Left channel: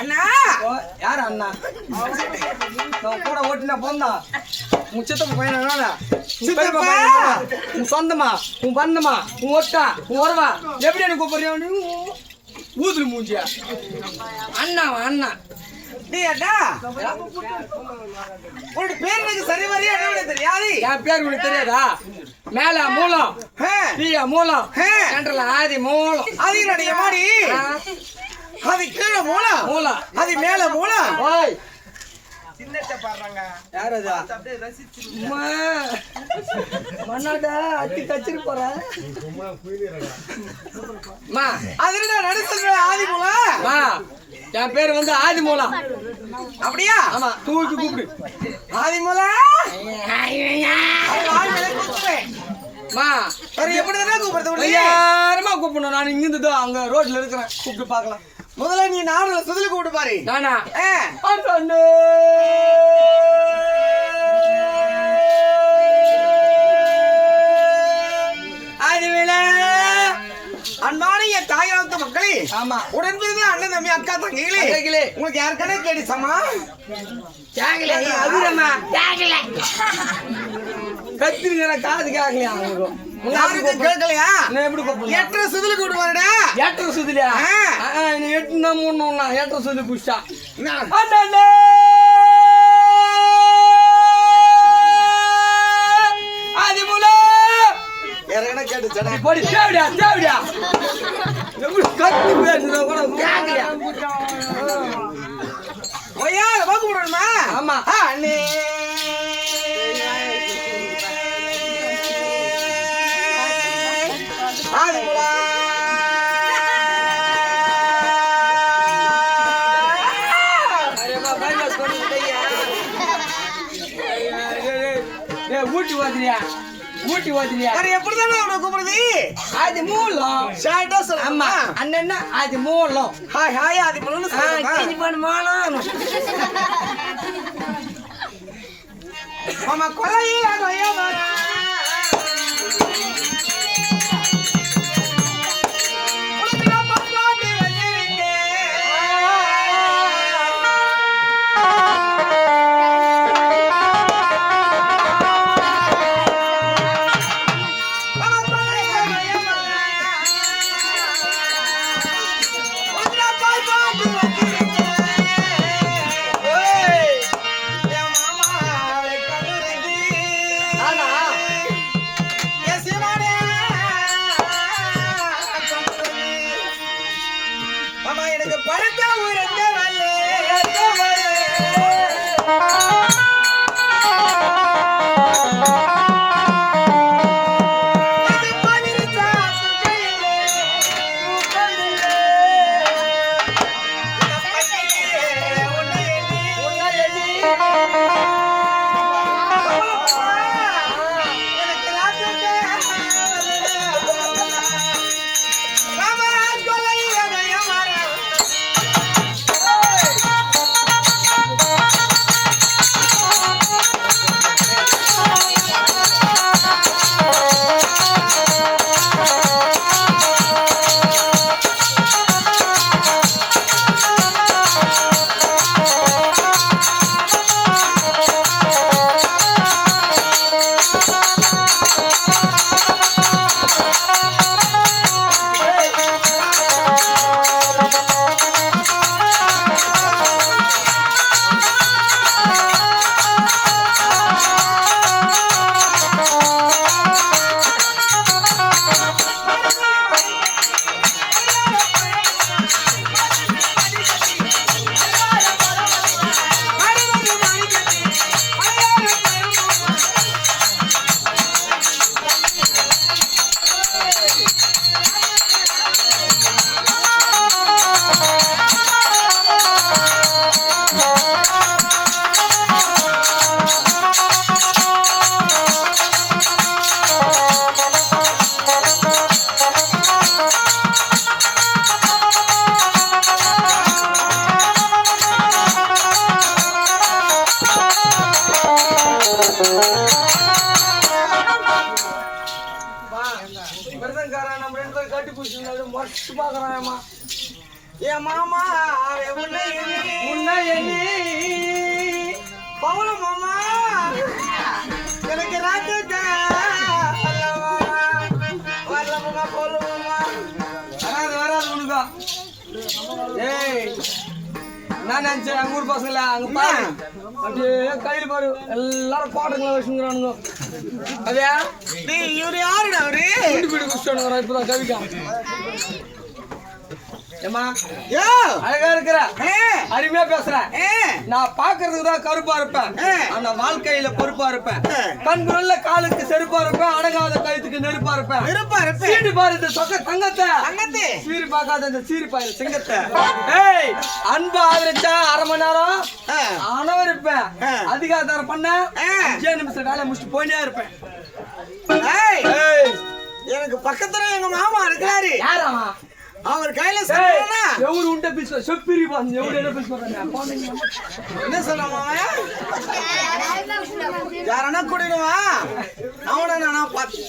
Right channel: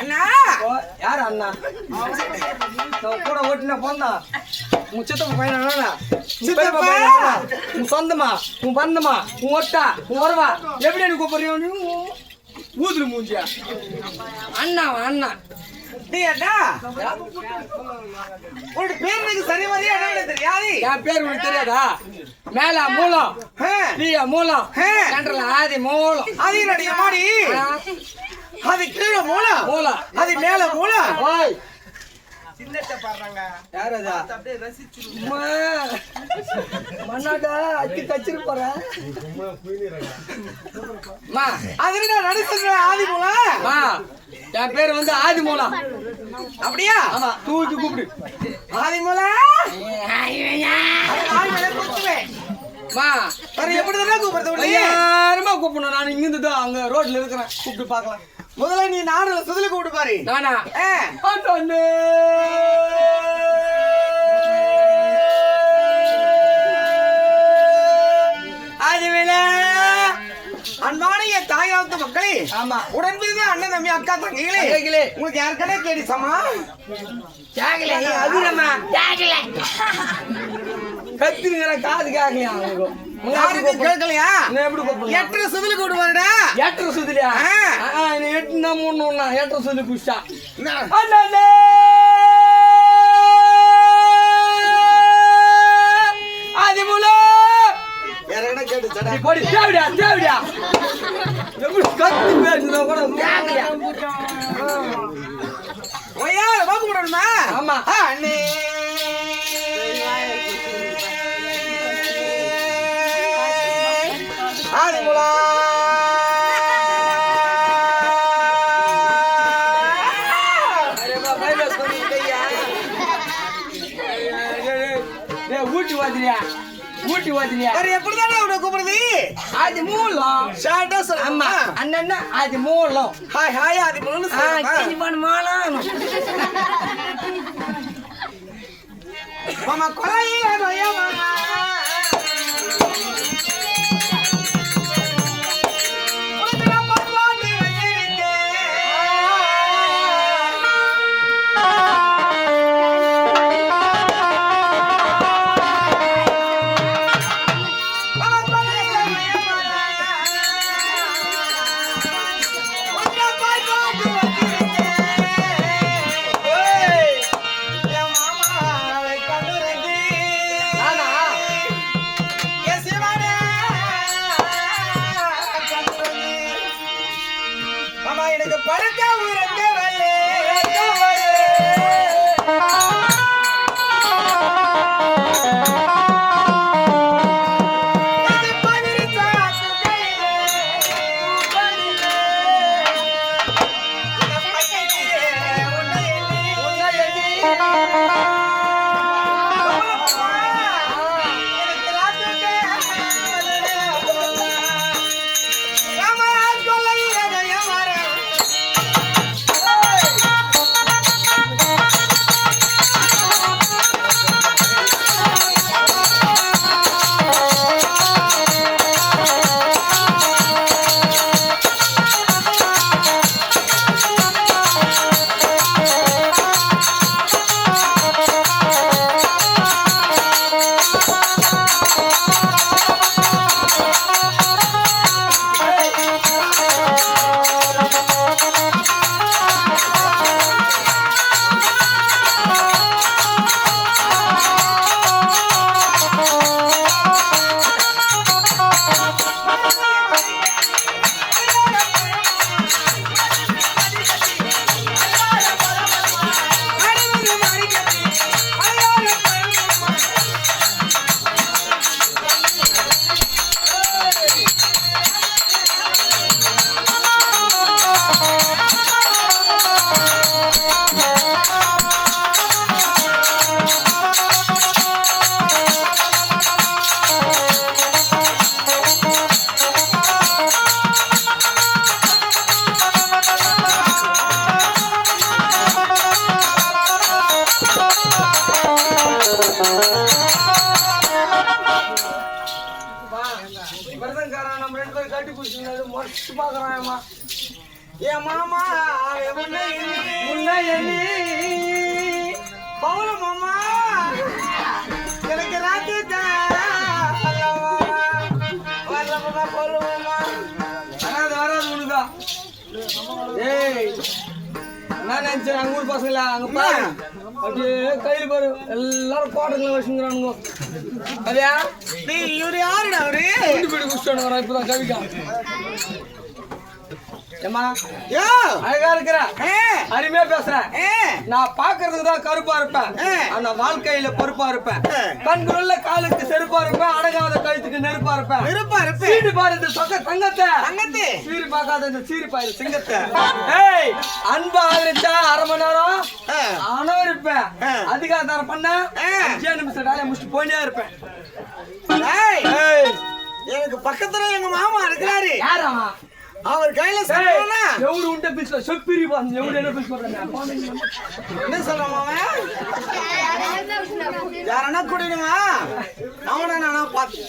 அண்ணா யார் அண்ணா கூட ஓட்டினா போந்தா உன் சித்தப்பா பையனா உன் சொந்தமா உன் பண்ணமா உன் ஒட்டா உன் உறவா எப்படி எனக்கு கூப்பிடுறியா ஊதுரு மூஞ்சியா அண்ணா அண்ணா நீ அண்ணா உன்னோட பேர் எனக்கு சரி மாதிரியா என்ன தெரியாது என் பேர் உனக்கு தெரியாதா மேல மூலம் மூலம் ஆதி மூலம் அது என்னுடைய மாடி அது கீழே மூலம் மூலம் அது மேல மூலம் யாரதா மண்ணாடா அட்டி கச்சிரு போறேன் அது நடுசல் ஆதி மூலம் என் பேரு வந்து ஆதி மூலம் அப்படியா ஆமா தூக்கி கூப்பிடு ஆதி மூலம் எப்படி தானே கூப்பிடுறது யாருமா கூப்பிடணும் நான் இங்கிருந்து தான் அங்க ரோட்ல இருக்கிறேன் கூப்பிட்டு பாக்கலாம் முதல்ல நீ நாடுல சுதல கூப்பிட்டு பாரு நானா அன்பான என் தாயாளத்து மக்களே ஆமா உடன்பிறந்த அண்ணன் தம்பி அக்கா தங்கைகளே உங்களுக்கு யாருக்கனே கேடிச்சமா கேக்கல அதுமா கேக்கல கத்திருங்க காது கேக்கலையா அவங்களுக்கு கேட்கலையா எப்படி கூப்பிடணும் எட்டரை சுதில கூட்டு வரடா எட்டரை சுதிலியா எட்டுனா மூணு எட்டரை சுதில புடிச்சா போடி தேவடியா தேவடியா எப்படி கத்தி பேசுறத கூட கேட்கலையா ஓயா வாக்கு போடணுமா ஆமா அண்ணே ஆடுங்களா அரேமா பைபிள் சொல்லிட்டேயா ஊட்டி வாதிரியா ஊட்டி வாதிரியா அரே எப்படிதானே அவனை கூப்பிடுது அது மூலம் ஷார்ட்டா சொல்ல ஆமா அண்ணன்னா அது மூலம் ஹாய் ஹாய் அது மூலம் கிஞ்சி பண்ண மூலம் மாமா கொலையில நோயமா எனக்கு படுத்த உறங்க நம்ம ரெண்டு பேரும் கட்டி பிடிச்சிருந்தாரு மறைச்சு பாக்குறாயம்மா என் மாமா பவுல மாமா எனக்கு ராத்து வரலமா போலுமா வராது வராது உனக்கா ஏய் நான் நினைச்சேன் அங்க ஊர் பசங்களா அங்க பாரு அப்படியே கையில் பாரு எல்லாரும் பாட்டுங்களை வச்சுங்கிறானுங்க அதையா இவரு யாருடா அவரு வீடு குடிச்சானு வரா இப்பதான் கவிக்கா ஏமா அழகா இருக்கிற அருமையா பேசுறேன் நான் பாக்குறதுக்கு தான் கருப்பா இருப்பேன் ஆனா வாழ்க்கையில பொறுப்பா இருப்பேன் கண்குள்ள காலுக்கு செருப்பா இருப்பேன் அடங்காத கழுத்துக்கு நெருப்பா இருப்பேன் சீட்டு பாரு இந்த சொக்க தங்கத்தை சீரி பார்க்காத இந்த சீரி பாரு சிங்கத்தை ஏய் அன்பு ஆதரிச்சா அரை மணி நேரம் ஆனவர் இருப்பேன் அதிகாரம் பண்ண 5 நிமிஷம் வேலையை முடிச்சுட்டு போயிட்டே இருப்பேன் எனக்கு பக்கத்துல எங்க மாமா இருக்கிறாரு யாராமா அவர் கையில சொன்னா எவரு உண்ட பிச்ச சொப்பிரி பாந்து எவரு என்ன பிச்ச பண்றானே என்ன சொன்னா மாமா யாரனா குடிடுவா அவன நானா பாத்து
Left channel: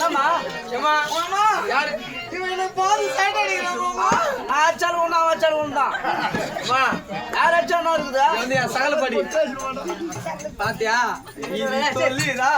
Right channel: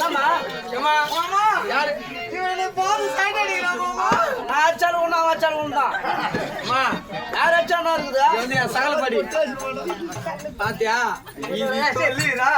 மாமா மாமா மாமா யாரு இவனை பாத்து சைடு அடிக்குறான் மாமா நான் அச்சாலும் தான் அம்மா யார் அச்சாலும் இருக்குதா இது வந்து சகலப்படி பாத்தியா இது சொல்லிரா